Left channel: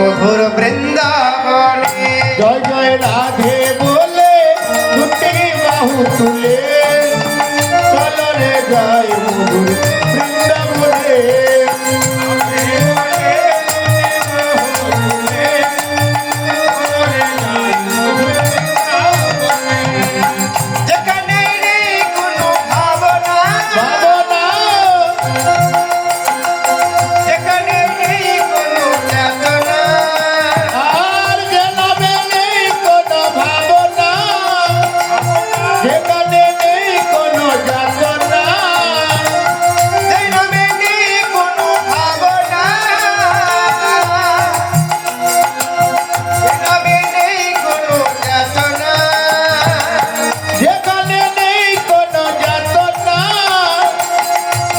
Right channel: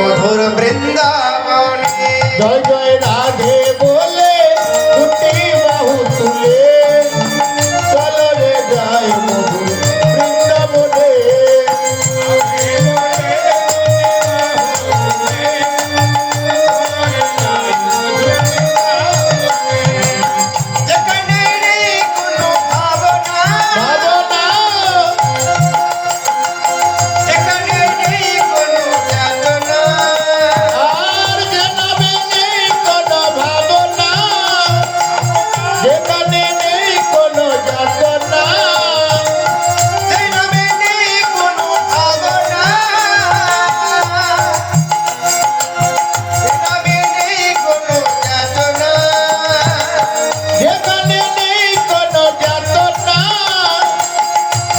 মধুর বৃন্দাবনে। জয় জয় রাধে বলে দুটি বাহু তুলে চলো রে যাই মধুর বৃন্দাবনে। যেখানে নেই কোনো ভাবনা, যেখানে নেই কোনো যাতনা, আর যেখানে নেই কোনো ভাবনা, যেখানে নেই কোনো যাতনা, যেখানে নেই কোনো ভাবনা, যেখানে নেই কোনো যাতনা, যেখানে নেই কোনো যাতনা,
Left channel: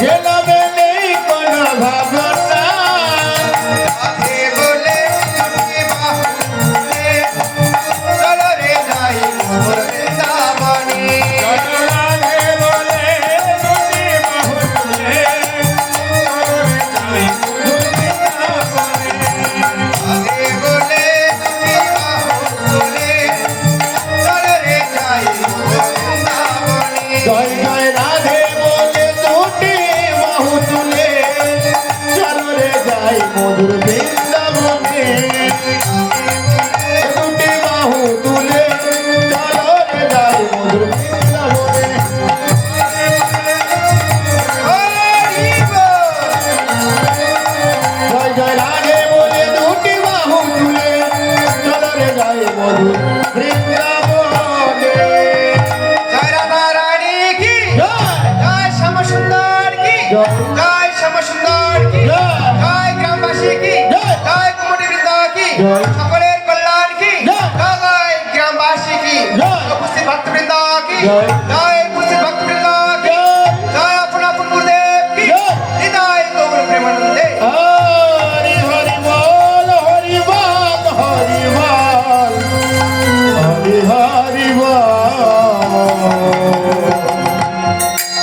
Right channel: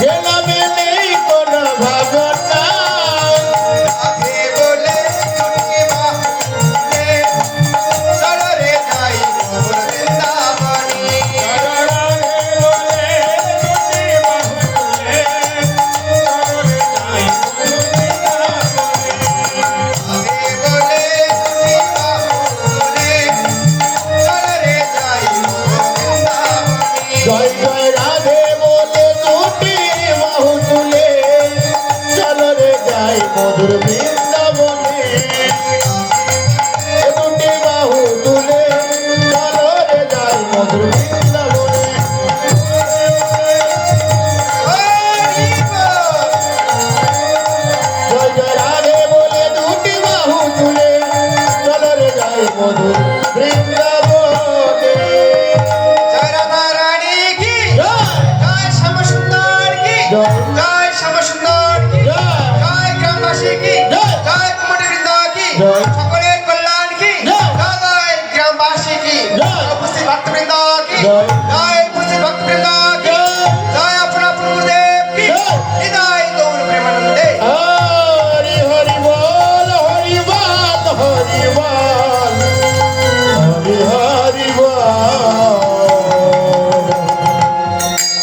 যেখানে নেই কোনো ভাবনা। রাধে বলে দুটি বাহু তুলে চলো রে যাই মধুর বৃন্দাবনে। রাধে বলে দুটি বাহু তুলে চলো রে যাই মধুর বৃন্দাবনে। জয় জয় রাধে বলে দুটি বাহু তুলে চলো রে যাই মধুর বৃন্দাবনে। দুটি বাহু তুলে চলো রে যাই মধুর বৃন্দাবনে। হরি বল। জয় জয় রাধে বলে দুটি বাহু তুলে চলো রে যাই মধুর বৃন্দাবনে। জয় রাধা রানী কি, জয় জয় শ্যামসুন্দর কি, জয় জয় শ্যামসুন্দর কি, জয় জয় গ্রামবাসী কি, জয় জয় কুমুরবৃন্দ কি, জয় সকলের কল্যাণ কি, জয় জয় গ্রামবাসী কি, জয় উপস্থিত ভক্তবৃন্দ কি, জয় জয় উপস্থিত ভক্তবৃন্দ কি, জয় জয় আপন আপন গুরুদেব কি, জয় হৃদয় গৌর প্রেমানন্দে। হরি হরি বল হরি বল হরি বল।